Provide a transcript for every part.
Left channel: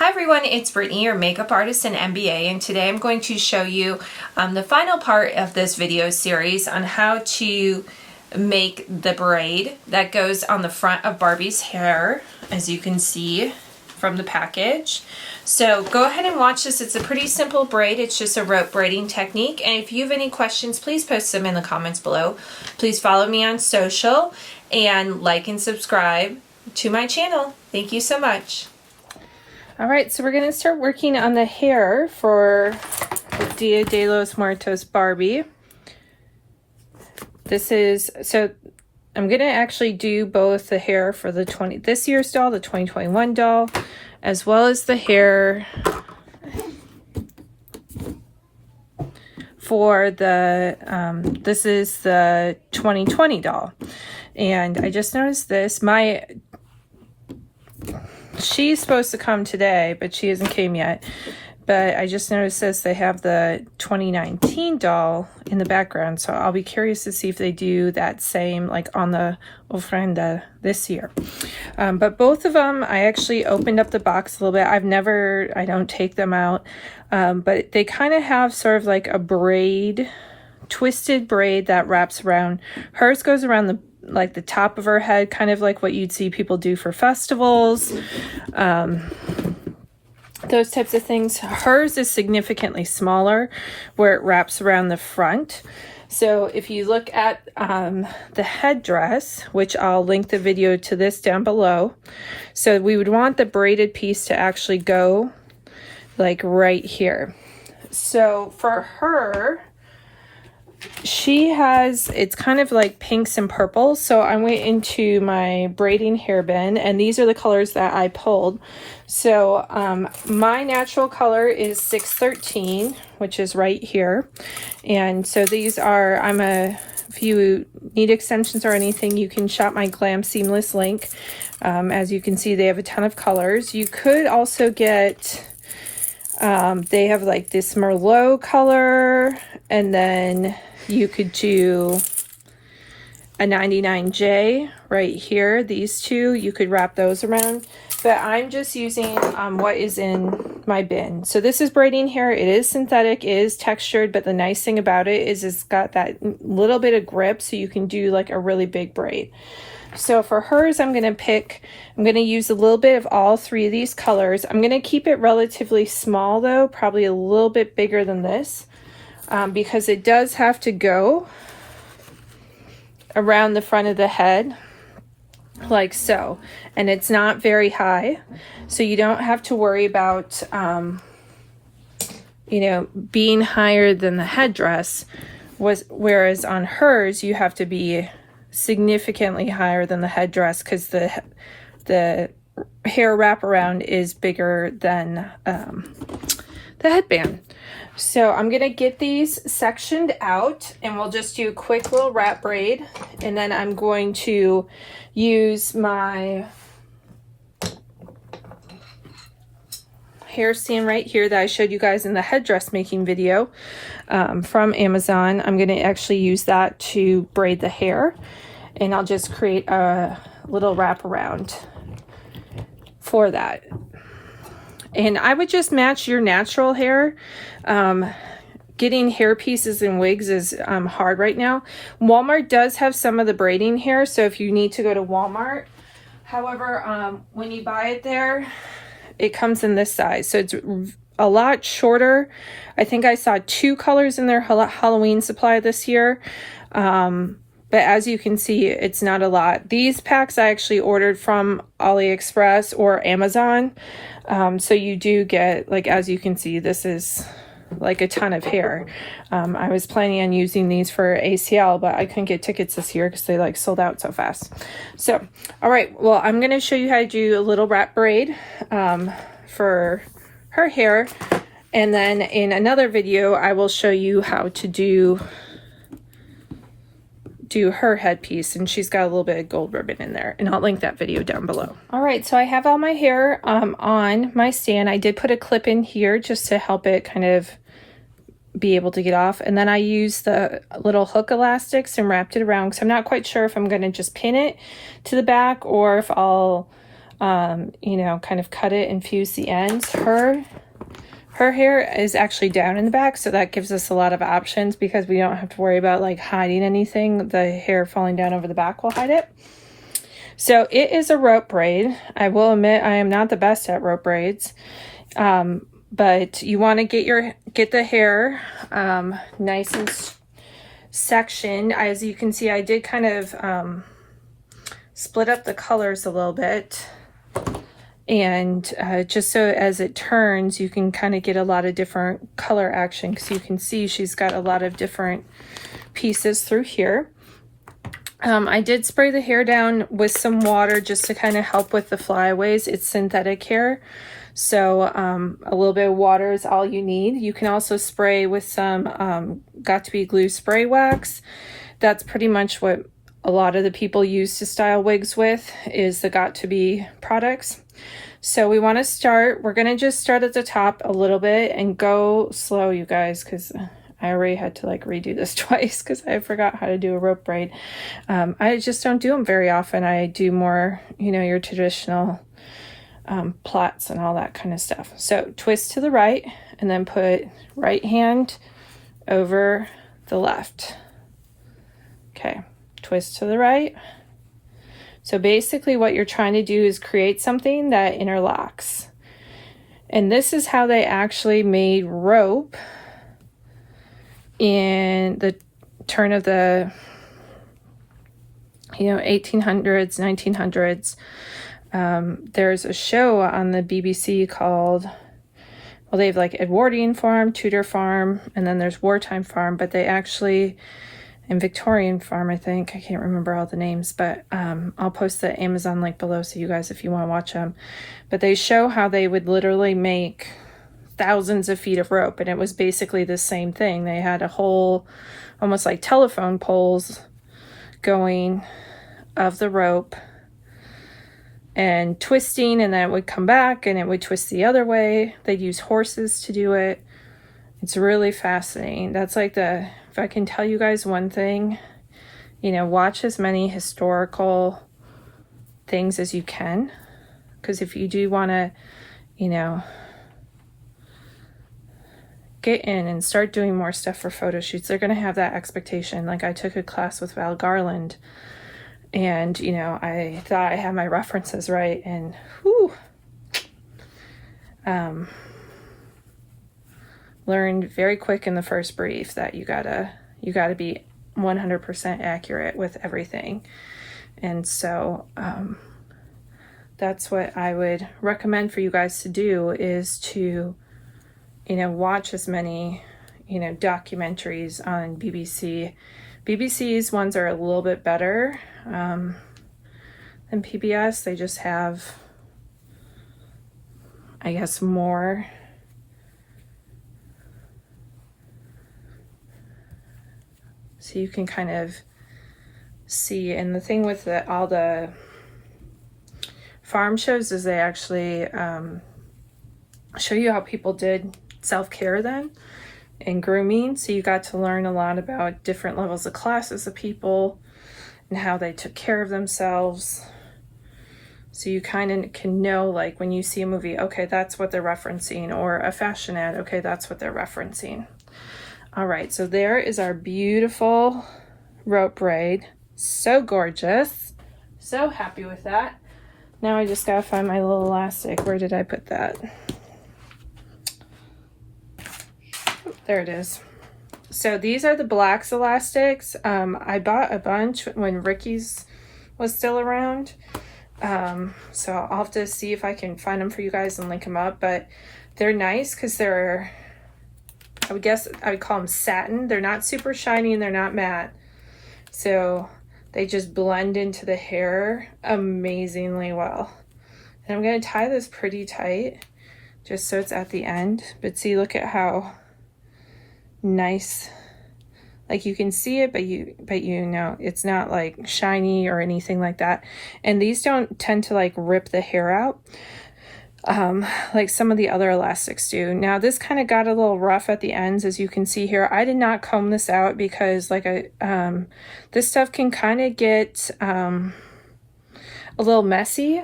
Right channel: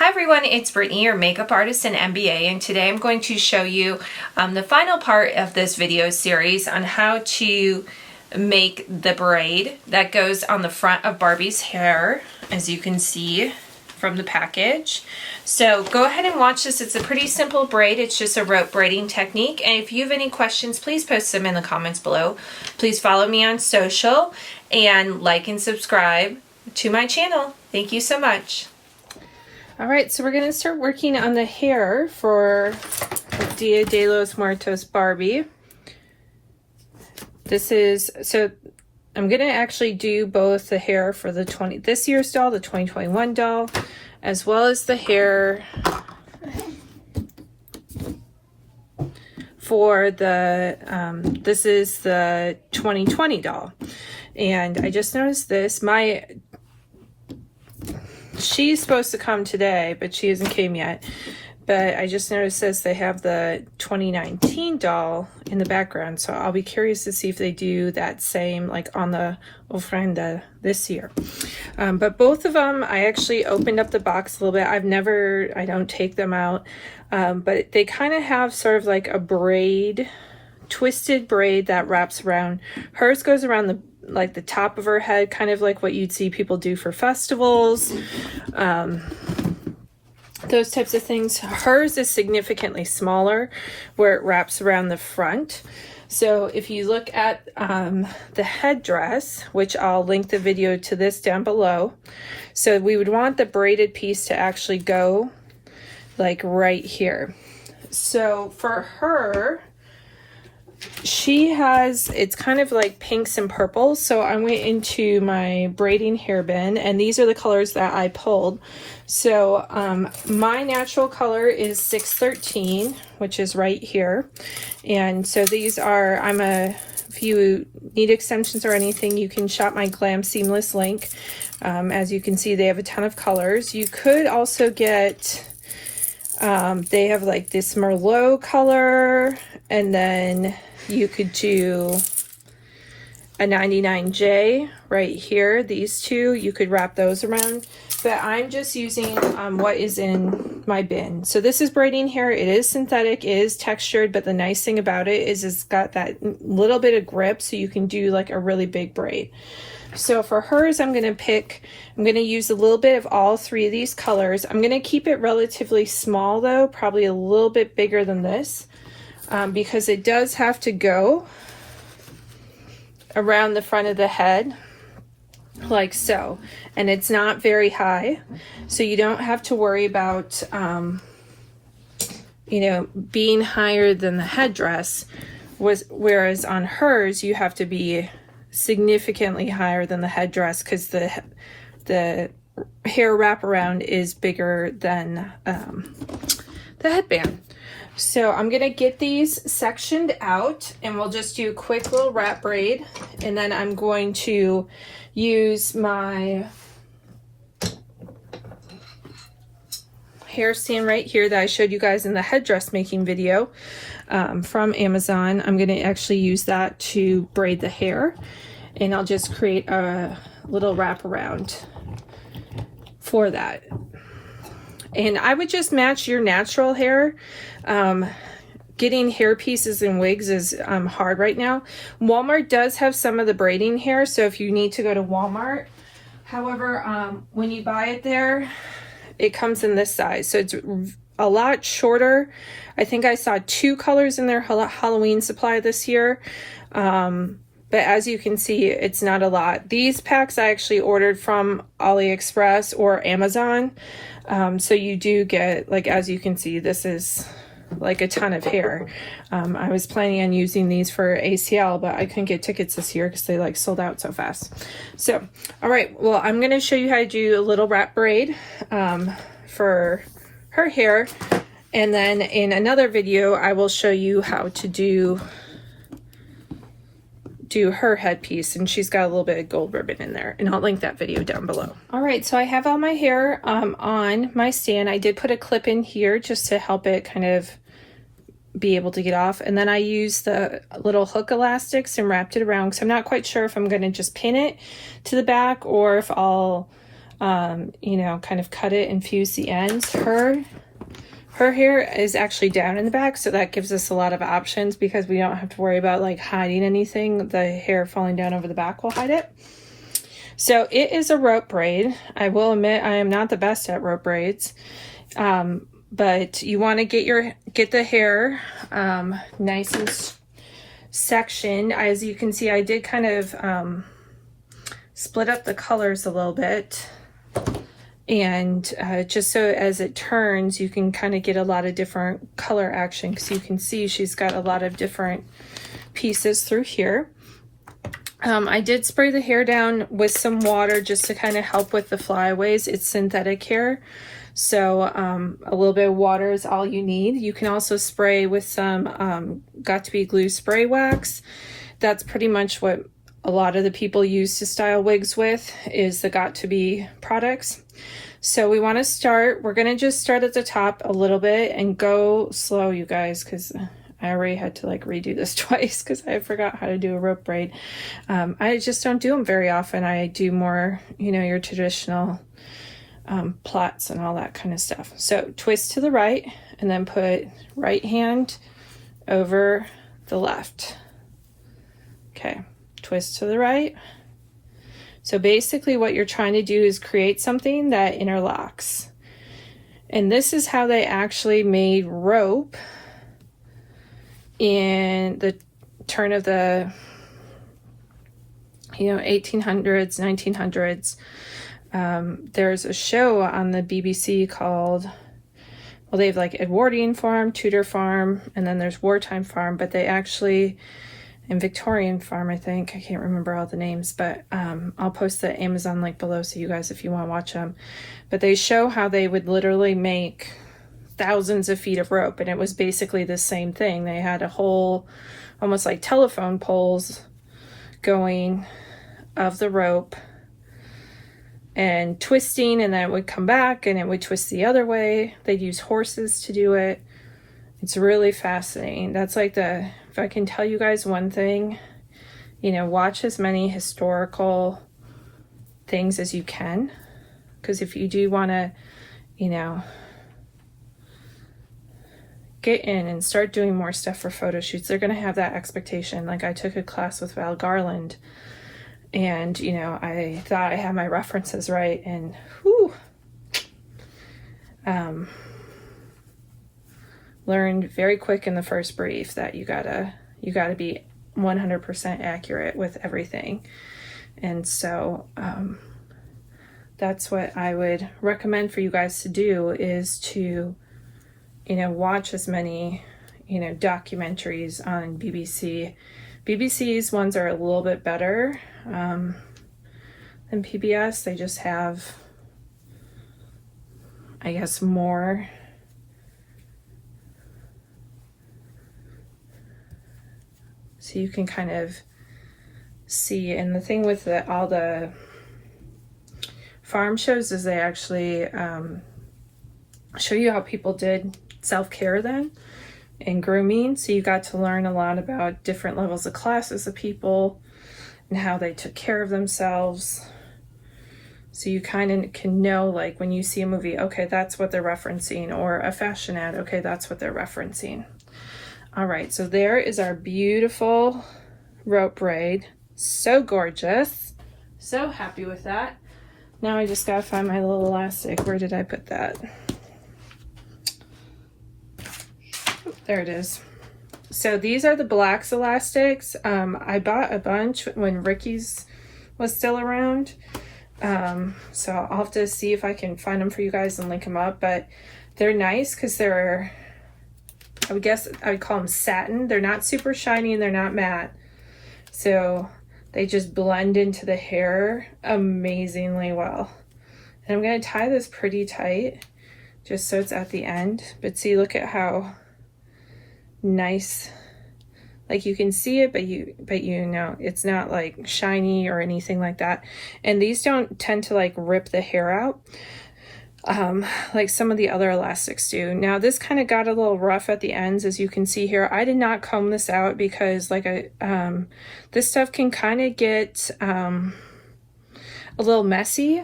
Hi everyone, it's Brittany, your makeup artist and MBA, and today I'm going to show you the final part of this video series on how to make the braid that goes on the front of Barbie's hair, as you can see from the package. So go ahead and watch this. It's a pretty simple braid. It's just a rope braiding technique, and if you have any questions, please post them in the comments below. Please follow me on social and like and subscribe to my channel. Thank you so much. All right, so we're gonna start working on the hair for Dia de los Muertos Barbie. So I'm gonna actually do both the hair for the this year's doll, the 2021 doll, as well as the hair for the, this is the 2020 doll. And I just noticed this, she's supposed to come today, but she hasn't came yet. But I just noticed this, they have the 2019 doll in the background, so I'll be curious to see if they do that same, like on the ofrenda this year. But both of them, I actually opened up the box a little bit. I don't take them out, but they kind of have sort of like a braid, twisted braid that wraps around. Hers goes around the top of her head, kind of like what you'd see people do for festivals, those types of things. Hers is significantly smaller, where it wraps around the front. So if you look at the headdress, which I'll link the video to this down below, so we would want the braided piece to actually go like right here. So for her, it's kind of like pinks and purples. So I went into my braiding hair bin, and these are the colors that I pulled. So my natural color is 613, which is right here. And so these are, if you need extensions or anything, you can shop my Glam Seamless link. As you can see, they have a ton of colors. You could also get, they have like this Merlot color, and then you could do a 99J right here. These two, you could wrap those around, but I'm just using what is in my bin. So this is braiding hair. It is synthetic, it is textured, but the nice thing about it is it's got that little bit of grip, so you can do like a really big braid. So for hers, I'm going to use a little bit of all three of these colors. I'm going to keep it relatively small though, probably a little bit bigger than this, because it does have to go around the front of the head like so, and it's not very high, so you don't have to worry about being higher than the headdress whereas on hers you have to be significantly higher than the headdress, because the hair wraparound is bigger than the headband. So I'm gonna get these sectioned out, and we'll just do a quick little wrap braid, and then I'm going to use my hair stand right here that I showed you guys in the headdress making video from Amazon. I'm gonna actually use that to braid the hair, and I'll just create a little wraparound for that. And I would just match your natural hair. Getting hair pieces and wigs is hard right now. Walmart does have some of the braiding hair, so if you need to go to Walmart. However, when you buy it there, it comes in this size, so it's a lot shorter. I think I saw 2 colors in their Halloween supply this year. But as you can see, it's not a lot. These packs I actually ordered from AliExpress or Amazon. So you do get, like, as you can see, this is like a ton of hair. I was planning on using these for ACL, but I couldn't get tickets this year because they like sold out so fast. So, all right, well, I'm gonna show you how to do a little wrap braid for her hair. And then in another video, I will show you how to do her headpiece, and she's got a little bit of gold ribbon in there, and I'll link that video down below. All right, so I have all my hair on my stand. I did put a clip in here just to help it kind of be able to get off, and then I used the little hook elastics and wrapped it around, because I'm not quite sure if I'm going to just pin it to the back or if I'll you know, kind of cut it and fuse the ends. Her hair is actually down in the back, so that gives us a lot of options because we don't have to worry about like hiding anything. The hair falling down over the back will hide it. So it is a rope braid. I will admit I am not the best at rope braids, but you want to get the hair nice and sectioned. As you can see, I did kind of split up the colors a little bit. And just so as it turns, you can kind of get a lot of different color action, because you can see she's got a lot of different pieces through here. I did spray the hair down with some water just to kind of help with the flyaways. It's synthetic hair, so a little bit of water is all you need. You can also spray with some Got2b glue spray wax. That's pretty much what a lot of the people use to style wigs with, is the Got2b products. So we want to start, we're going to just start at the top a little bit and go slow, you guys, because I already had to like redo this twice because I forgot how to do a rope braid. I just don't do them very often. I do more, you know, your traditional plaits and all that kind of stuff. So twist to the right and then put right hand over the left. Okay, twist to the right. So basically what you're trying to do is create something that interlocks. And this is how they actually made rope in the turn of the, you know, 1800s, 1900s. There's a show on the BBC called, well, they have like Edwardian Farm, Tudor Farm, and then there's Wartime Farm, but they actually, and Victorian Farm, I think. I can't remember all the names, but I'll post the Amazon link below so you guys, if you want to watch them. But they show how they would literally make thousands of feet of rope, and it was basically the same thing. They had a whole, almost like telephone poles going of the rope and twisting, and then it would come back and it would twist the other way. They'd use horses to do it. It's really fascinating. That's like if I can tell you guys one thing, you know, watch as many historical things as you can, because if you do want to, you know, get in and start doing more stuff for photo shoots, they're going to have that expectation. Like I took a class with Val Garland, and, you know, I thought I had my references right, and whew, learned very quick in the first brief that you gotta be 100% accurate with everything. And so that's what I would recommend for you guys to do, is to, you know, watch as many, you know, documentaries on BBC. BBC's ones are a little bit better than PBS. They just have, I guess, more so you can kind of see. And the thing with all the farm shows is they actually show you how people did self-care then and grooming. So you got to learn a lot about different levels of classes of people and how they took care of themselves. So you kind of can know, like when you see a movie, okay, that's what they're referencing, or a fashion ad, okay, that's what they're referencing. All right, so there is our beautiful rope braid. So gorgeous. So happy with that. Now I just gotta find my little elastic. Where did I put that? There it is. So these are the Blacks elastics. I bought a bunch when Ricky's was still around. So I'll have to see if I can find them for you guys and link them up. But they're nice because they're, I would guess I would call them satin. They're not super shiny and they're not matte. So they just blend into the hair amazingly well. And I'm going to tie this pretty tight just so it's at the end. But see, look at how nice, like you can see it, but you know it's not like shiny or anything like that. And these don't tend to like rip the hair out like some of the other elastics do. Now this kind of got a little rough at the ends, as you can see here. I did not comb this out because like this stuff can kind of get a little messy.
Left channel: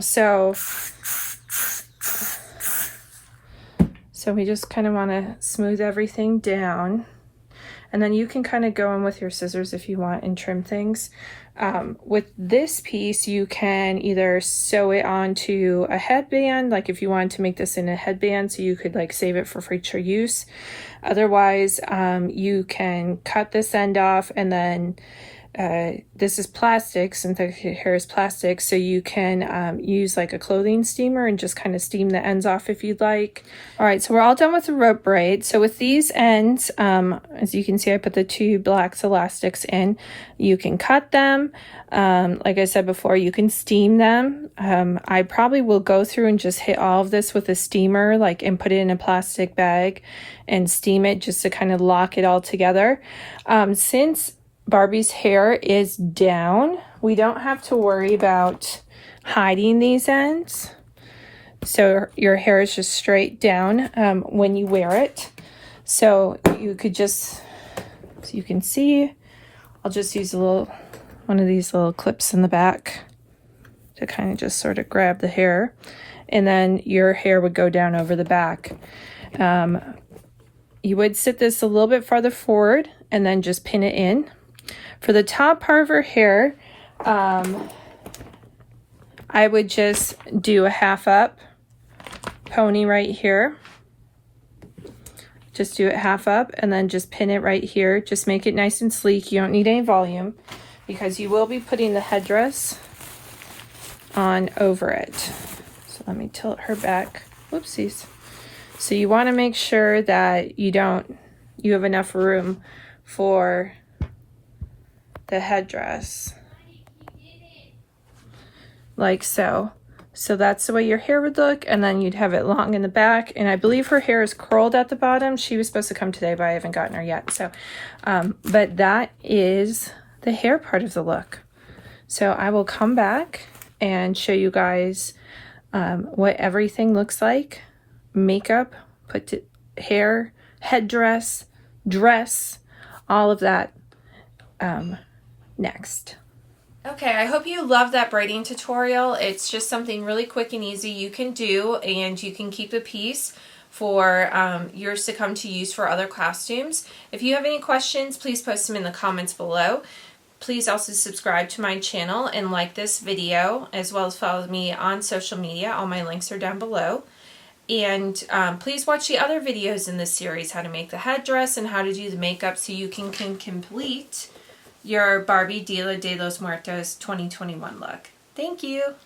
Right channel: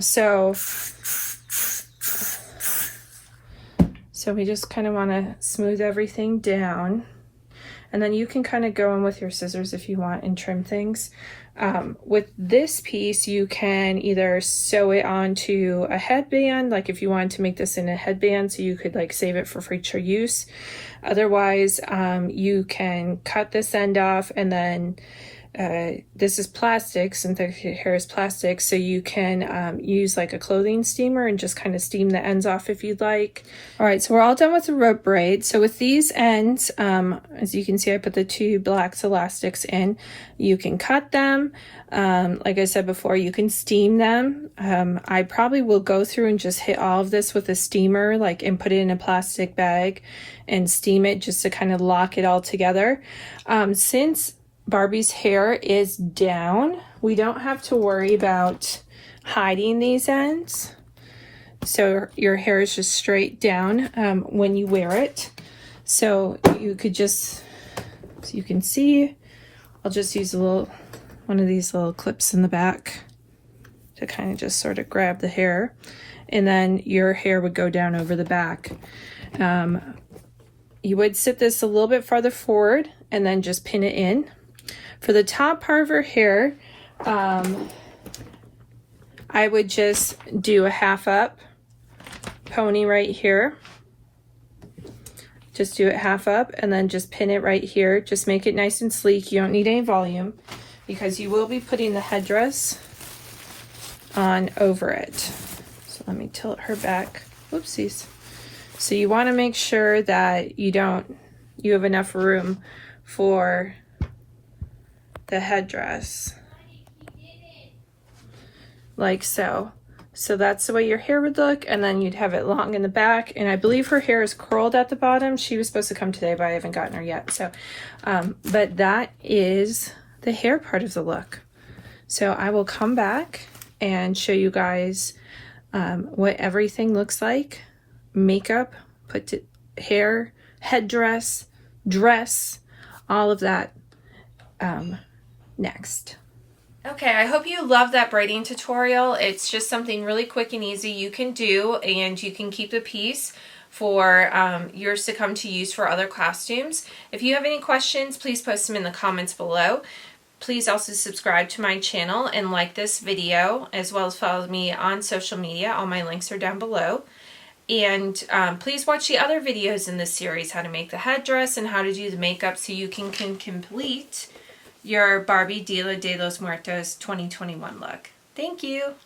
So we just kind of want to smooth everything down. And then you can kind of go in with your scissors if you want and trim things. With this piece, you can either sew it onto a headband, like if you wanted to make this in a headband, so you could like save it for future use. Otherwise, you can cut this end off, and then this is plastic, synthetic hair is plastic, so you can use like a clothing steamer and just kind of steam the ends off if you'd like. All right, so we're all done with the rope braid. So with these ends, as you can see, I put the 2 black elastics in. You can cut them. Like I said before, you can steam them. I probably will go through and just hit all of this with a steamer, like, and put it in a plastic bag and steam it just to kind of lock it all together. Since Barbie's hair is down, we don't have to worry about hiding these ends. So your hair is just straight down when you wear it. So you could just, so you can see, I'll just use one of these little clips in the back to kind of just sort of grab the hair, and then your hair would go down over the back. You would sit this a little bit farther forward and then just pin it in. For the top part of her hair, I would just do a half up pony right here. Just do it half up and then just pin it right here. Just make it nice and sleek. You don't need any volume because you will be putting the headdress on over it. So let me tilt her back. Oopsies. So you want to make sure that you have enough room for the headdress, like so. So that's the way your hair would look, and then you'd have it long in the back. And I believe her hair is curled at the bottom. She was supposed to come today, but I haven't gotten her yet. So, but that is the hair part of the look. So I will come back and show you guys what everything looks like. Makeup, hair, headdress, dress, all of that next. Okay, I hope you love that braiding tutorial. It's just something really quick and easy you can do, and you can keep the piece for years to come to use for other costumes. If you have any questions, please post them in the comments below. Please also subscribe to my channel and like this video, as well as follow me on social media. All my links are down below. And please watch the other videos in this series, how to make the headdress and how to do the makeup, so you can complete your Barbie Dia de los Muertos 2021 look. Thank you.